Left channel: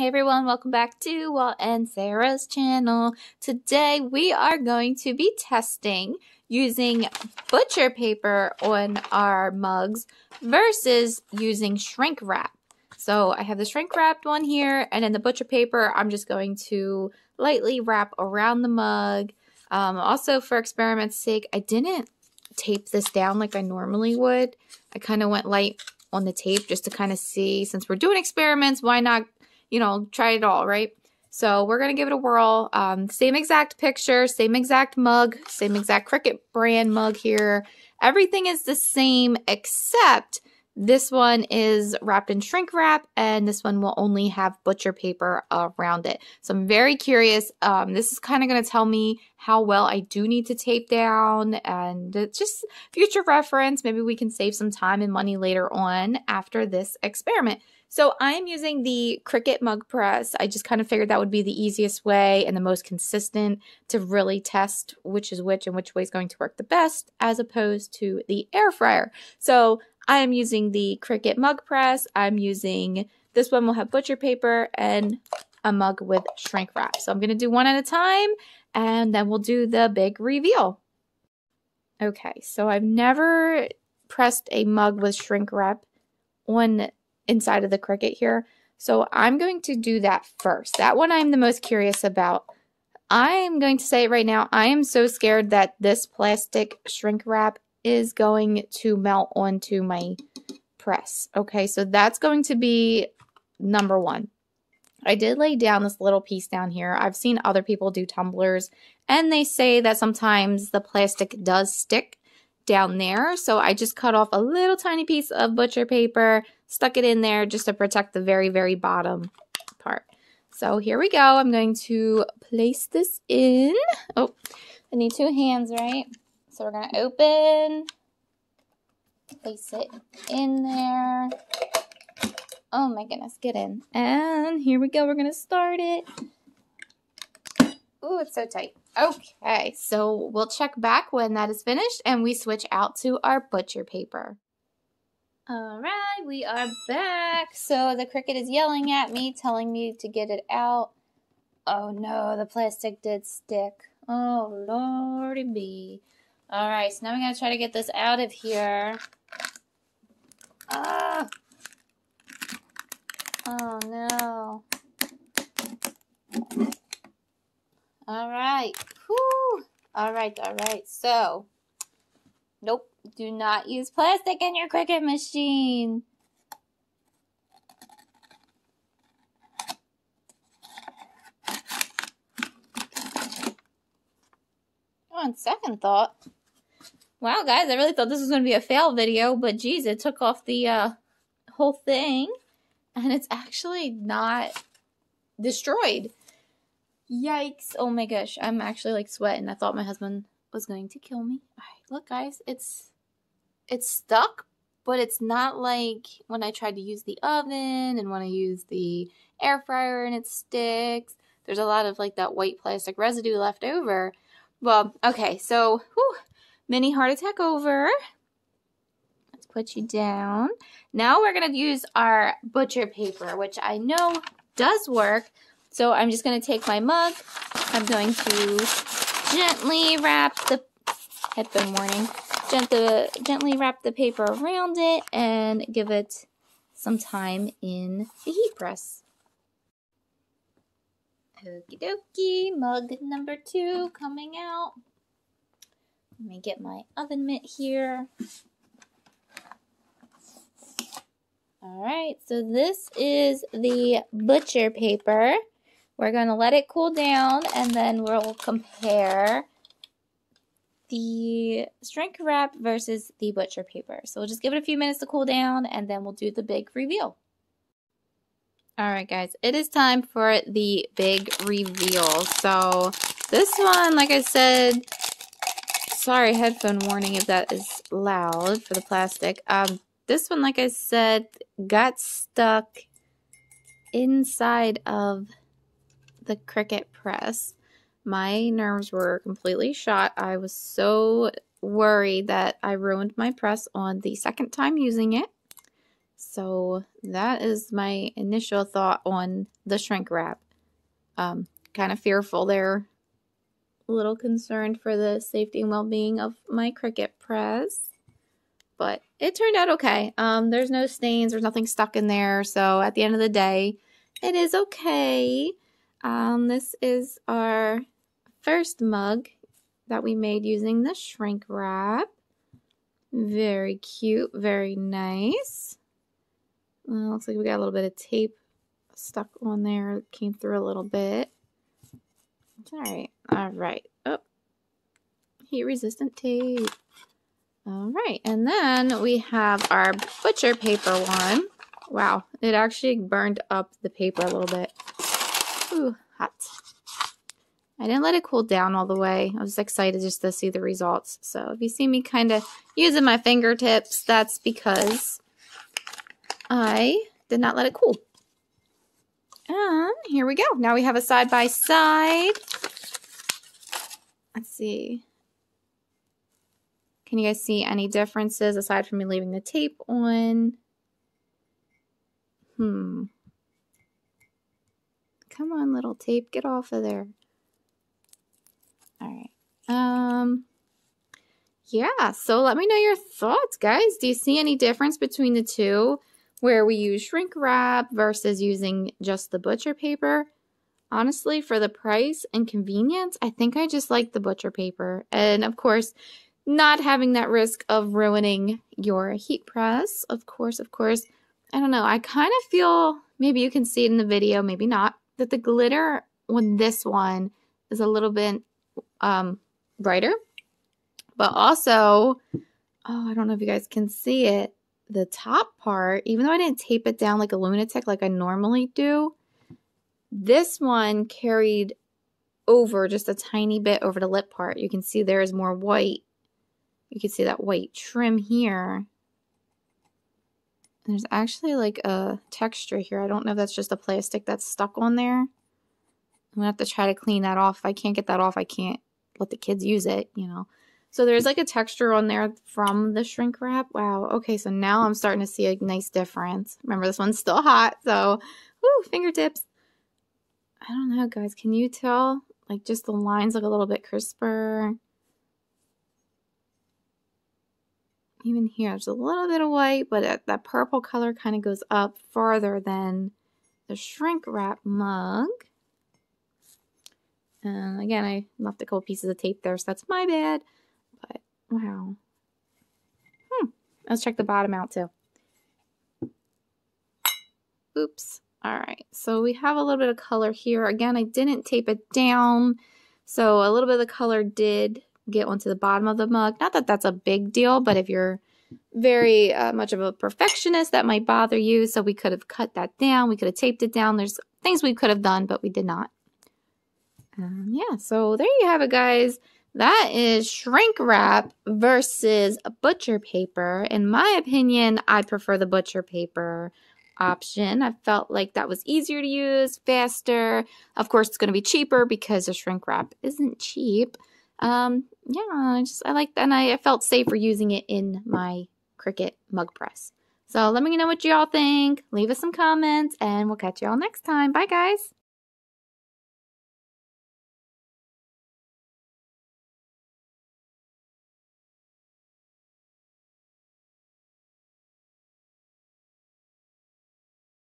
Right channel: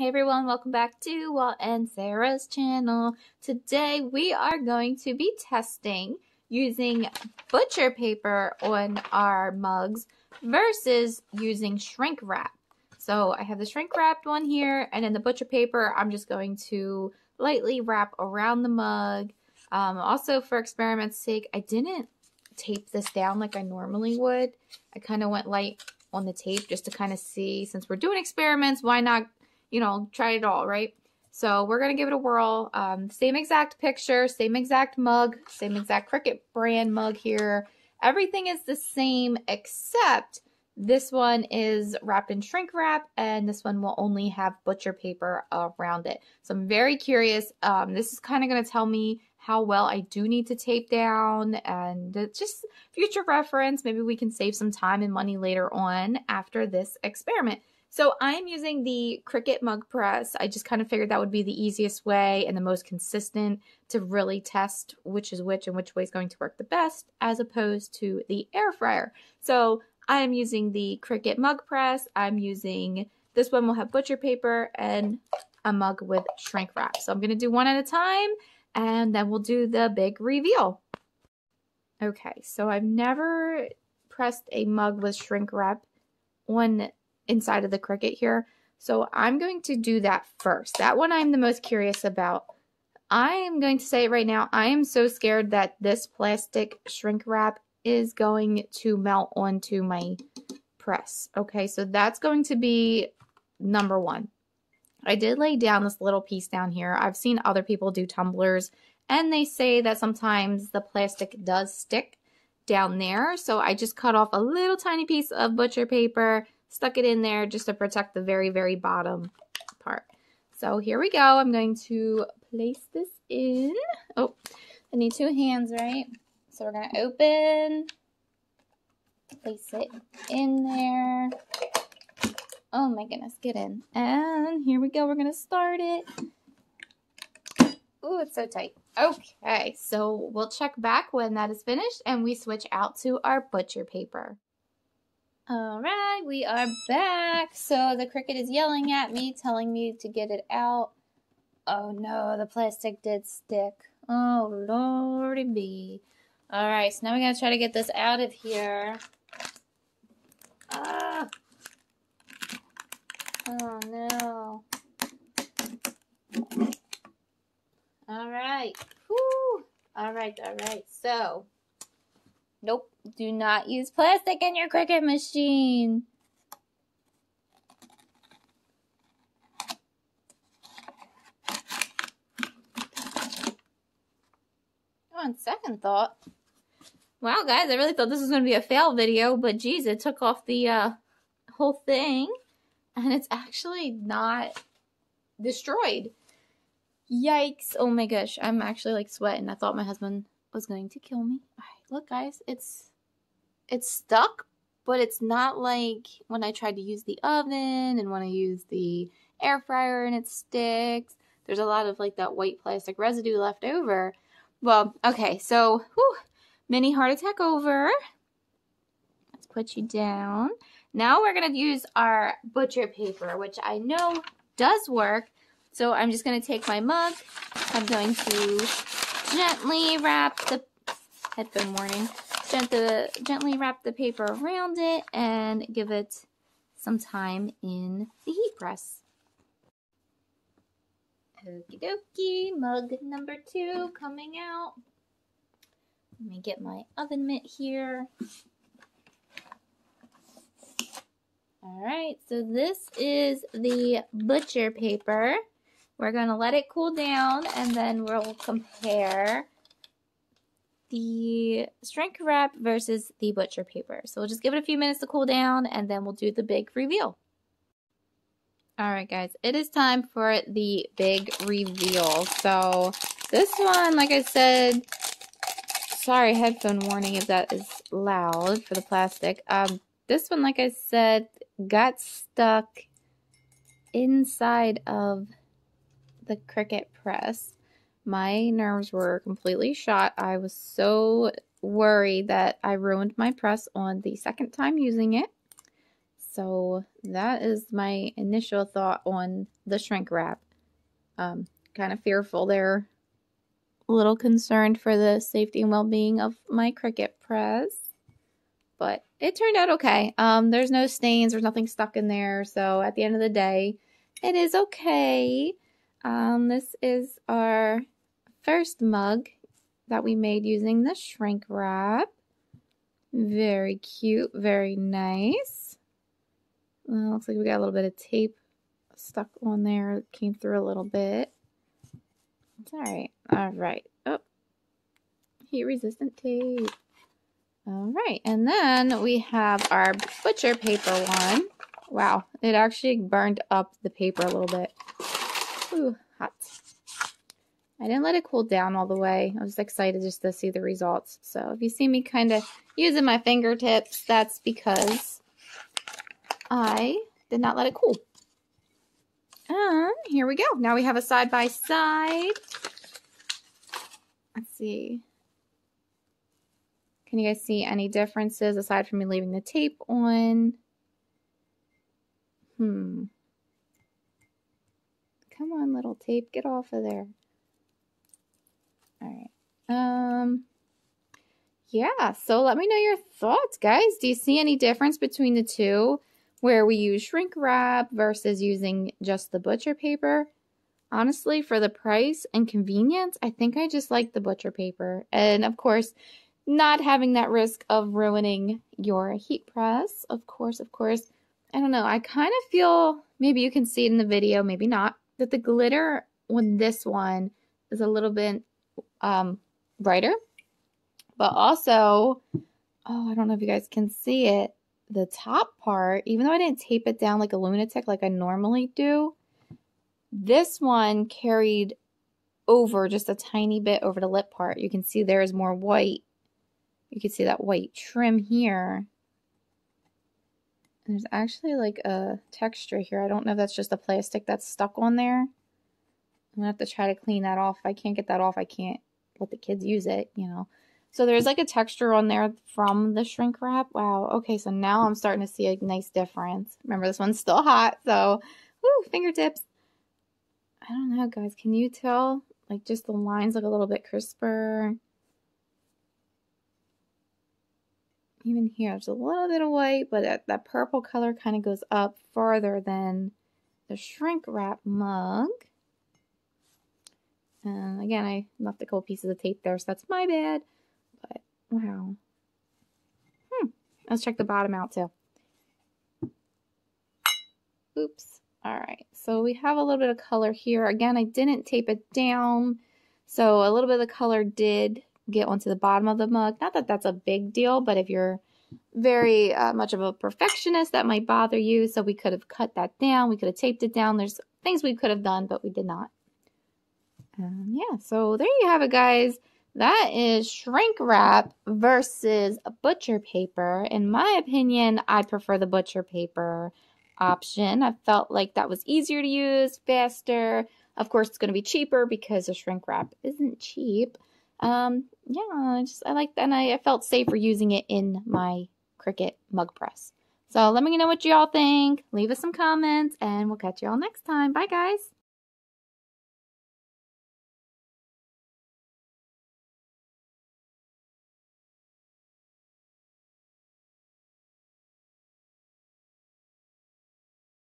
Hey everyone, welcome back to Walt and Sarah's channel. Today we are going to be testing using butcher paper on our mugs versus using shrink wrap. So I have the shrink wrapped one here, and in the butcher paper I'm just going to lightly wrap around the mug. Also for experiment's sake, I didn't tape this down like I normally would. I kind of went light on the tape just to kind of see, since we're doing experiments, why not, try it all, right? So we're going to give it a whirl. Same exact picture, same exact mug, same exact Cricut brand mug here. Everything is the same except this one is wrapped in shrink wrap and this one will only have butcher paper around it. So I'm very curious. This is kind of going to tell me how well I do need to tape down, and just future reference. Maybe we can save some time and money later on after this experiment. So I'm using the Cricut Mug Press. I just kind of figured that would be the easiest way and the most consistent to really test which is which and which way is going to work the best, as opposed to the air fryer. So I'm using the Cricut Mug Press. I'm using, this one will have butcher paper and a mug with shrink wrap. So I'm going to do one at a time and then we'll do the big reveal. Okay, so I've never pressed a mug with shrink wrap on inside of the Cricut here. So I'm going to do that first. That one I'm the most curious about. I'm going to say it right now. I am so scared that this plastic shrink wrap is going to melt onto my press. Okay, so that's going to be number one. I did lay down this little piece down here. I've seen other people do tumblers and they say that sometimes the plastic does stick down there. So I just cut off a little tiny piece of butcher paper, stuck it in there just to protect the very, very bottom part. So here we go. I'm going to place this in. Oh, I need two hands, right? So we're going to open, place it in there. Oh my goodness, get in. And here we go. We're going to start it. Oh, it's so tight. Okay, so we'll check back when that is finished and we switch out to our butcher paper. All right, we are back. So the Cricut is yelling at me, telling me to get it out. Oh no, the plastic did stick. Oh lordy be. All right, so now we're gonna try to get this out of here. Oh no. All right. Whew. All right. So, nope. Do not use plastic in your Cricut machine. On second thought, wow, guys, I really thought this was going to be a fail video, but geez, it took off the whole thing, and it's actually not destroyed. Yikes. Oh my gosh, I'm actually like sweating. I thought my husband was going to kill me. All right, look guys, it's stuck, but it's not like when I tried to use the oven and when I use the air fryer and it sticks. There's a lot of like that white plastic residue left over. Well, okay, so mini heart attack over. Let's put you down. Now we're going to use our butcher paper, which I know does work. So I'm just going to take my mug. I'm going to gently wrap the headphone warning. Gently wrap the paper around it and give it some time in the heat press. Okie dokie, mug number 2 coming out. Let me get my oven mitt here. Alright, so this is the butcher paper. We're going to let it cool down and then we'll compare the shrink wrap versus the butcher paper. So we'll just give it a few minutes to cool down and then we'll do the big reveal. Alright guys, it is time for the big reveal. So this one, like I said, sorry, headphone warning if that is loud for the plastic. This one, like I said, got stuck inside of the Cricut press. My nerves were completely shot. I was so worried that I ruined my press on the second time using it. So that is my initial thought on the shrink wrap. Kind of fearful there. A little concerned for the safety and well-being of my Cricut press. But it turned out okay. There's no stains, there's nothing stuck in there. So at the end of the day, it is okay. This is our first mug that we made using the shrink wrap. Very cute, very nice. Looks like we got a little bit of tape stuck on there. It came through a little bit. Alright, alright. Oh, heat resistant tape. Alright, and then we have our butcher paper one. Wow, it actually burned up the paper a little bit. Ooh, hot. I didn't let it cool down all the way. I was excited just to see the results. So if you see me kind of using my fingertips, that's because I did not let it cool. And here we go. Now we have a side-by-side. Let's see. Can you guys see any differences aside from me leaving the tape on? Come on, little tape. Get off of there. All right. Yeah, so let me know your thoughts, guys. Do you see any difference between the two where we use shrink wrap versus using just the butcher paper? Honestly, for the price and convenience, I think I just like the butcher paper. And of course, not having that risk of ruining your heat press. Of course. I don't know. I kind of feel, maybe you can see it in the video, maybe not, that the glitter on this one is a little bit brighter. But also, oh, I don't know if you guys can see it, the top part, even though I didn't tape it down like a lunatic like I normally do, this one carried over just a tiny bit over the lip part. You can see there is more white. You can see that white trim here. There's actually like a texture here. I don't know if that's just a plastic that's stuck on there. I'm gonna have to try to clean that off. If I can't get that off, I can't let the kids use it, you know. So there's like a texture on there from the shrink wrap. Wow. Okay, so now I'm starting to see a nice difference. Remember, this one's still hot, so woo, fingertips. I don't know, guys. Can you tell? Like, just the lines look a little bit crisper. Even here, there's a little bit of white, but that purple color kind of goes up farther than the shrink wrap mug. And again, I left a couple pieces of tape there, so that's my bad. But, wow. Let's check the bottom out, too. Oops. All right, so we have a little bit of color here. Again, I didn't tape it down, so a little bit of the color did get onto the bottom of the mug. Not that that's a big deal, but if you're very much of a perfectionist, that might bother you. So we could have cut that down. We could have taped it down. There's things we could have done, but we did not. Yeah, so there you have it, guys. That is shrink wrap versus a butcher paper. In my opinion, I prefer the butcher paper option. I felt like that was easier to use, faster. Of course, it's going to be cheaper because the shrink wrap isn't cheap. Yeah, I like that, and I felt safer using it in my Cricut Mug Press. So let me know what y'all think. Leave us some comments, and we'll catch y'all next time. Bye, guys.